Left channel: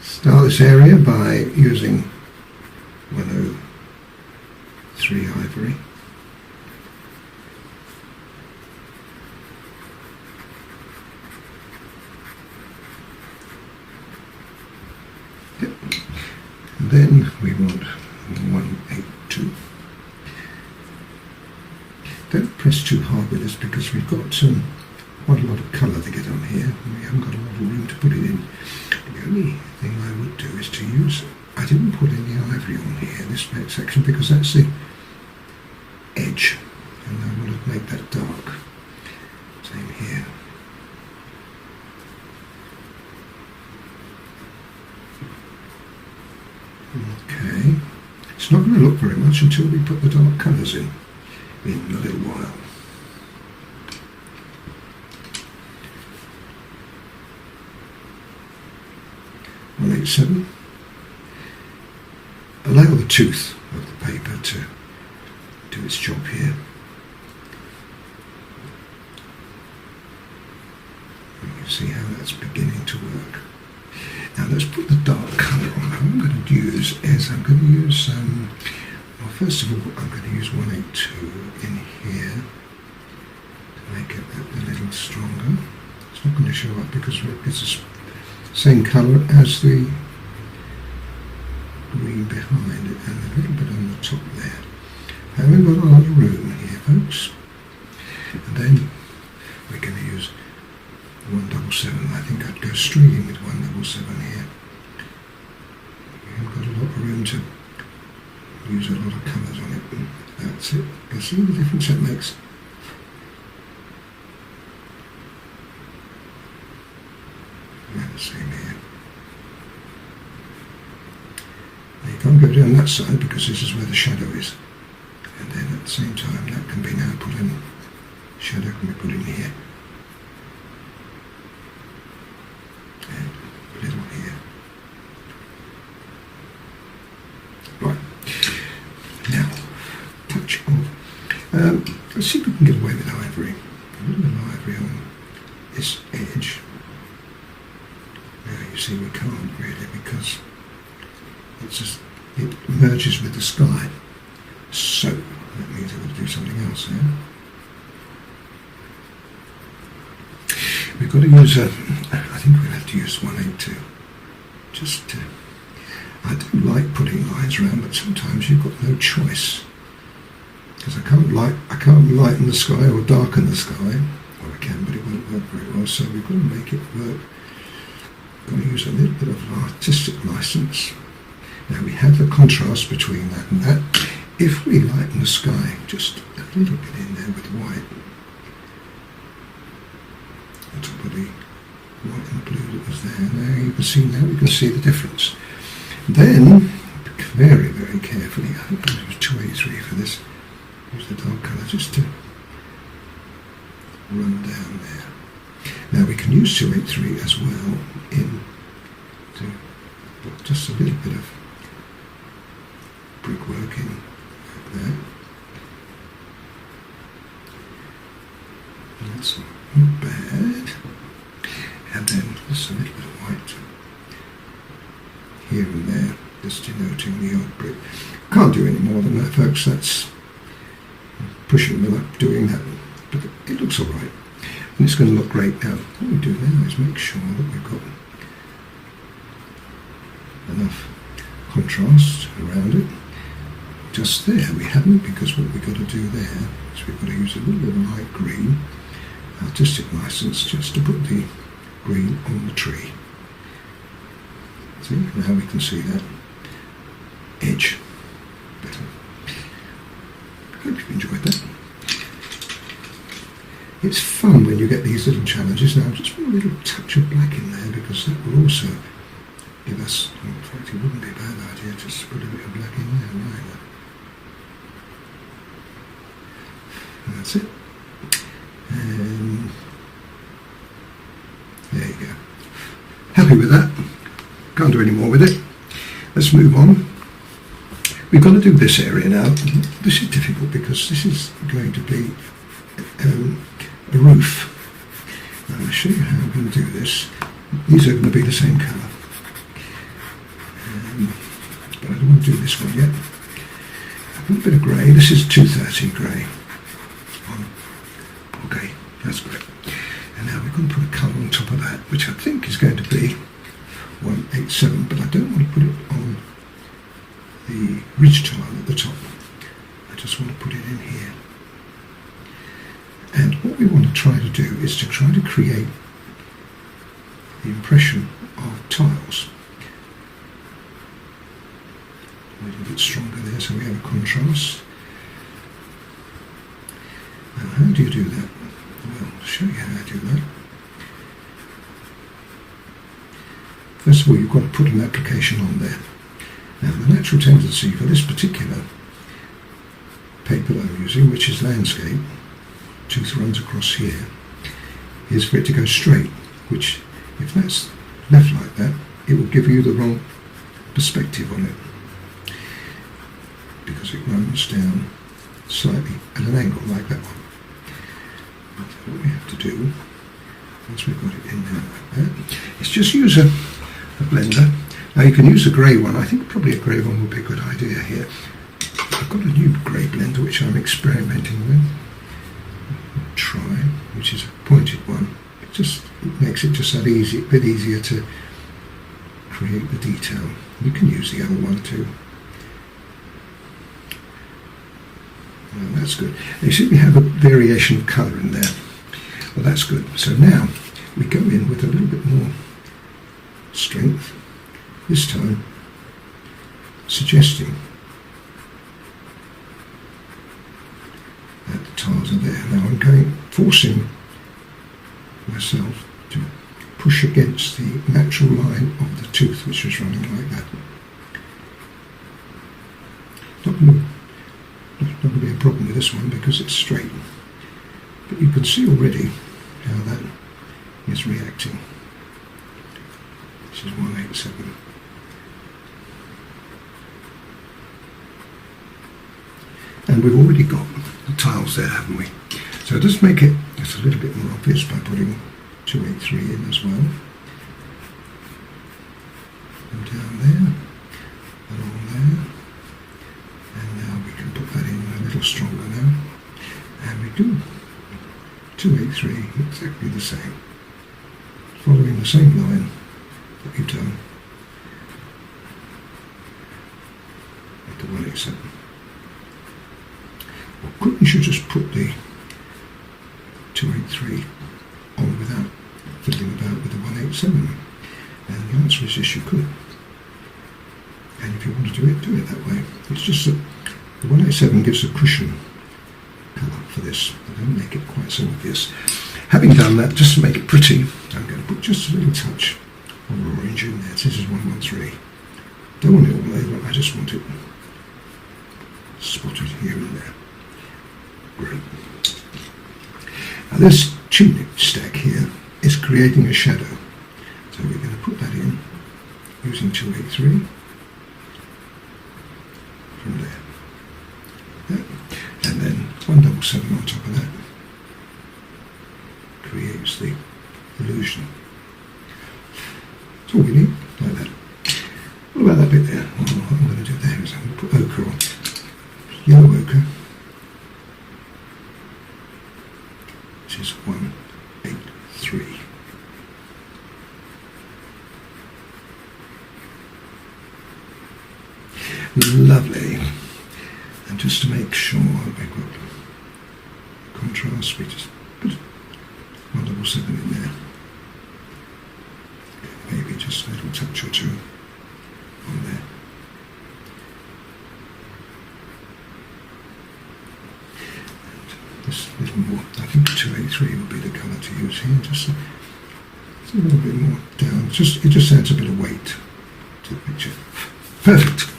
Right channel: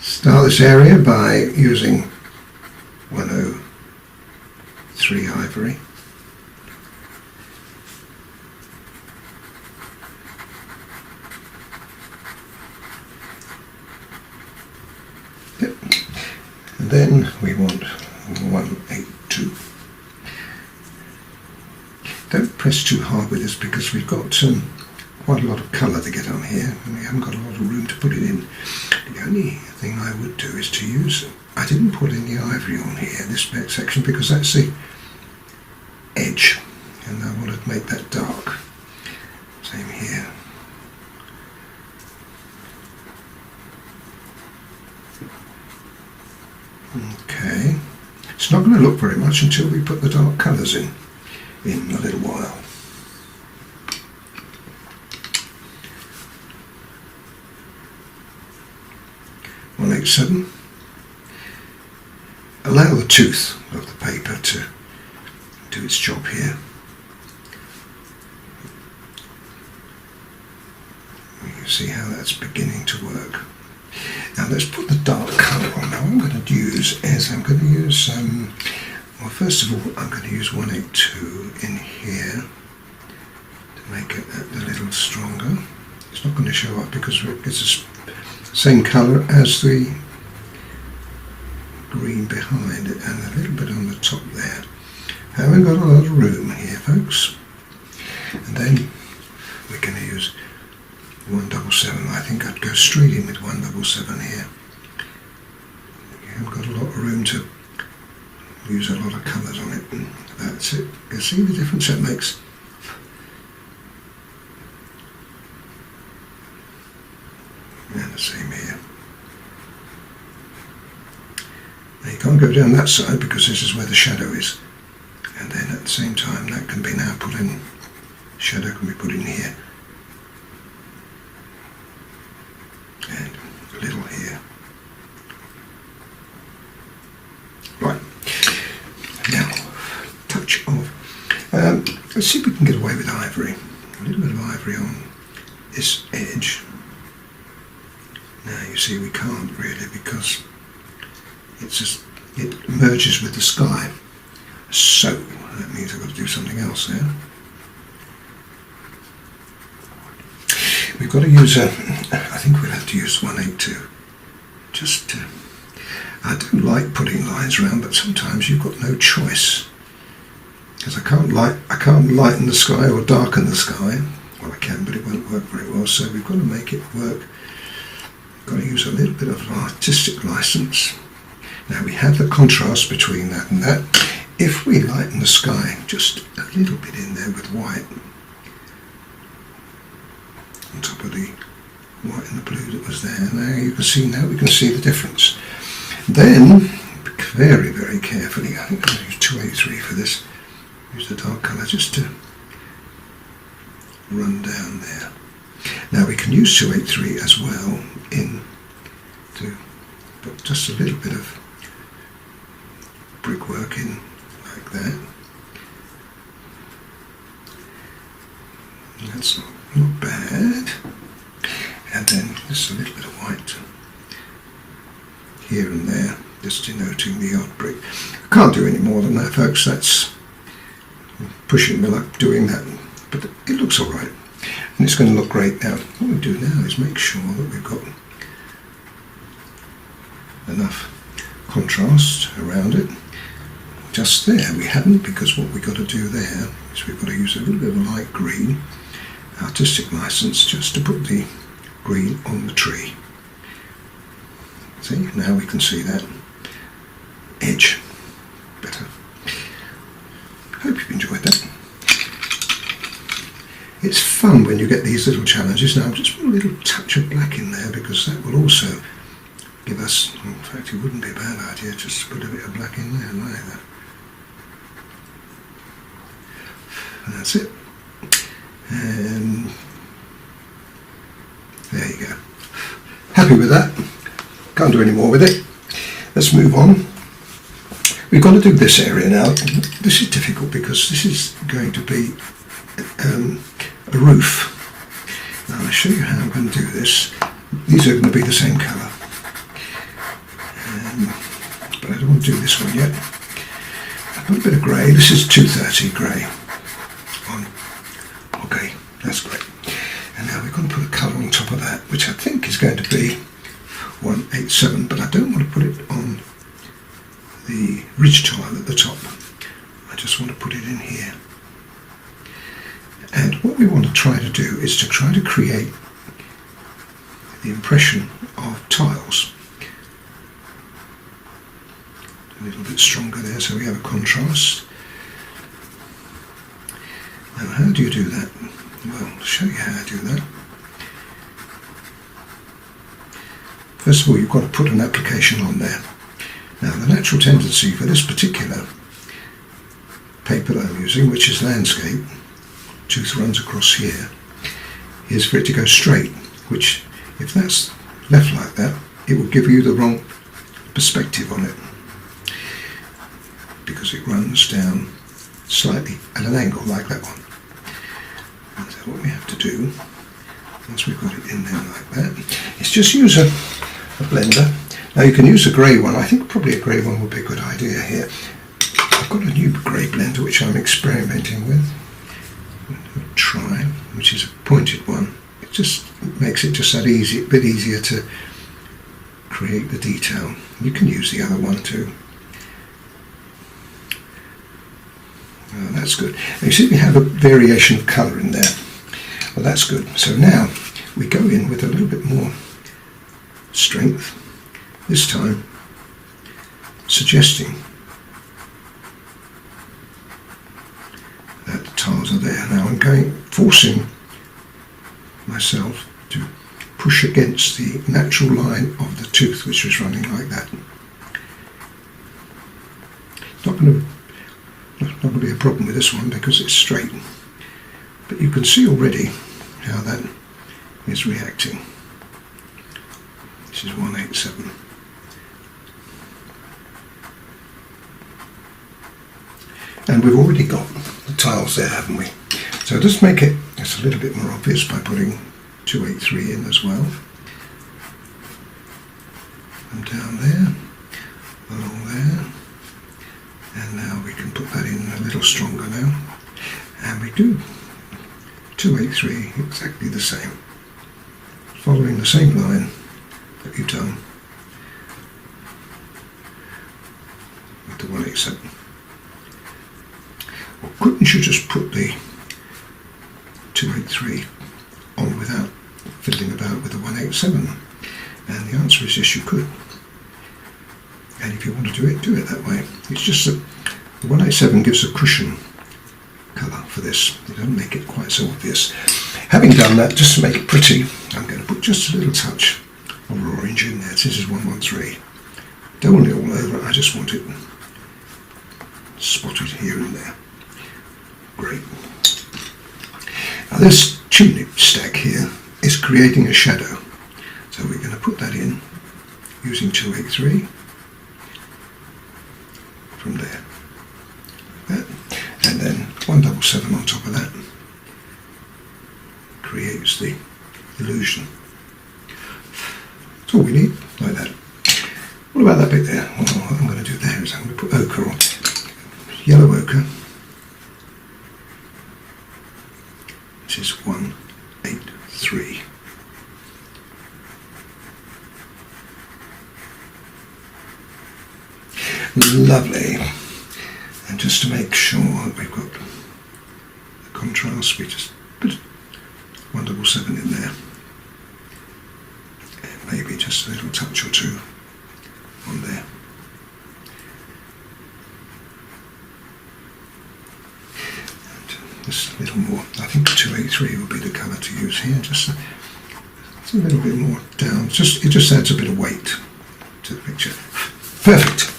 Start this area by using 103 ivory. Yep. And then we want 182. Don't press too hard with this because we've got quite a lot of colour to get on here and we haven't got a lot of room to put it in. The only thing I would do is to use, I didn't put any ivory on here, this section, because that's the edge and I want to make that dark. Same here. Okay, it's not going to look very much until we put the dark colours in a little while. .187. Allow the tooth of the paper to do its job here. You can see how that's beginning to work. Now let's put the dark colour on. Now what I'm going to use is well, first of all I'm going to use 182 in here to make it a little stronger. It's not going to show up because it's the same colour as the green behind it and a little bit on the top there. Haven't got a lot of room here, folks. And then we're going to use 177. I think I'd go straight in with 177 here. You haven't got a lot of room to use a lot of colours on it. And that's it. You can see the difference that makes. And the same here. Now you can't go down that side because this is where the shadow is. And then at the same time that can be now put in, shadow can be put in here. And a little here. Right. Now, touch of, let's see if we can get away with ivory. A little bit of ivory on this edge. Now you see we can't really because it merges with the sky. So that means I've got to do something else there. We've got to use I think we'll have to use 182. Just I don't like putting lines around, but sometimes you've got no choice. Because I can't lighten the sky or darken the sky. Well I can, but it won't work very well, so we've got to make it work. Got to use a little bit of artistic license. Now we have the contrast between that and that. If we lighten the sky just a little bit in there with white, on top of the white and the blue that was there, now you can see, now we can see the difference. Then, very, very carefully, I think I'm going to use 283 for this, use the dark colour just to run down there. Now we can use 283 as well to put just a little bit of brickwork in like that. That's not bad. And then just a little bit of white here and there, just denoting the odd brick. I can't do any more than that, folks. That's pushing my luck doing that, but it looks all right. And it's going to look great. Now, what we do now is make sure that we've got enough contrast around it. Just there we haven't, because what we've got to do there is we've got to use a little bit of light green, artistic license, just to put the green on the tree. See, now we can see that edge better. Hope you've enjoyed that. It's fun when you get these little challenges. Now just put a little touch of black in there because that will also give us, in fact it wouldn't be a bad idea just to put a bit of black in there either. And that's it. And there you go. Happy with that. Can't do any more with it. Let's move on. We've got to do this area now. This is difficult because this is going to be a roof. Now I'll show you how I'm going to do this. These are going to be the same colour. want to do this one yet. I've got a bit of grey. This is 230 grey on. Okay, that's great. And now we're going to put a colour on top of that, which I think is going to be 187, but I don't want to put it on the ridge tile at the top. I just want to put it in here. And what we want to try to do is to try to create the impression of tiles. A little bit stronger there so we have a contrast. Now how do you do that? Well, I'll show you how to do that. First of all, you've got to put an application on there. Now the natural tendency for this particular paper that I'm using, which is landscape, tooth runs across here, is for it to go straight, which if that's left like that, it will give you the wrong perspective on it, because it runs down slightly at an angle like that one. And so what we have to do, once we've got it in there like that, is just use a blender. Now you can use a grey one. I think probably a grey one would be a good idea here. I've got a new grey blender which I'm experimenting with. Try, which is a pointed one. It just makes it just that easy, a bit easier to create the detail. You can use the other one too. Oh, that's good. Now you see we have a variation of colour in there. Well, that's good. So now we go in with a little bit more strength, this time suggesting that the tiles are there. Now I'm forcing myself to push against the natural line of the tooth, which is running like that. Not going to be a problem with this one because it's straight, but you can see already how that is reacting. This is 187. And we've already got the tiles there, haven't we? So just make it just a little bit more obvious by putting 283 in as well. Them down there, along there. And now we can put that in a little stronger now. And we do 283 exactly the same, following the same line that you've done with the 187. Well, couldn't you just put the 283 on without fiddling about with the 187? And the answer is yes, you could. And if you want to do it that way. It's just that the 187 gives a cushion colour for this. They don't make it quite so obvious. Having done that, just to make it pretty, I'm going to put just a little touch of orange in there. This is 113. Don't want it all over, I just want it spotted here and there. Great. Now this chimney stack here is creating a shadow. So we're going to put that in using 283 from there. Like that. And then 177 on top of that creates the illusion. That's all we need, like that. What about that bit there? Well, what I'm going to do there is I'm going to put ochre on. Yellow ochre. This is 183. Lovely. And just to make sure that we've got the contrast, we just put 177 in there. And maybe just a little touch or two on there. And just a little more. I think 283 would be the colour to use here. Just a little bit more down. It just adds a bit of weight to the picture. Perfect.